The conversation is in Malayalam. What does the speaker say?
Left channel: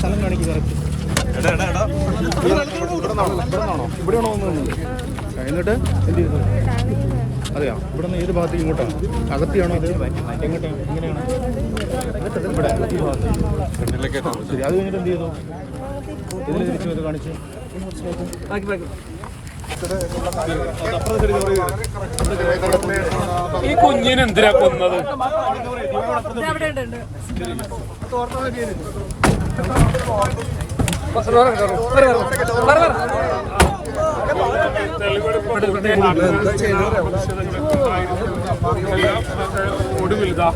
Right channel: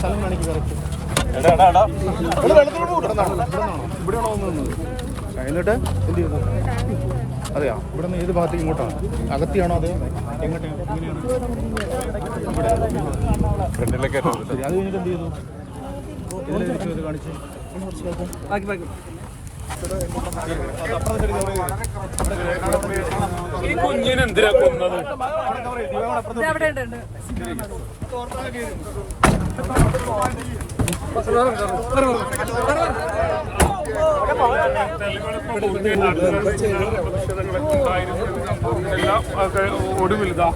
സ്ഥലം കാണിക്ക് കറക്റ്റ്. ഇവിടെയാണോ വന്നത്? എന്നിട്ട് എന്ത് ചെയ്തു? അതെയോ? ഇവിടെ നിന്ന് ഏത് ഭാഗത്തേക്ക് ഇങ്ങോട്ടാണ്? അകത്തിയാണോ അതെയോ എങ്ങോട്ടാണ്? എങ്ങനെയാണ്? ഇവിടെ ഈ ഭാഗത്ത്. ശരി, അത് കഴിഞ്ഞിട്ട് എന്ത് ചെയ്തു? ഇതിൽ തിരിച്ചു ഇത് കാണിച്ച് ഈ കുഞ്ഞിനെ എന്തിനാ കൊന്നത്? ഒടുവിൽ ഇതാ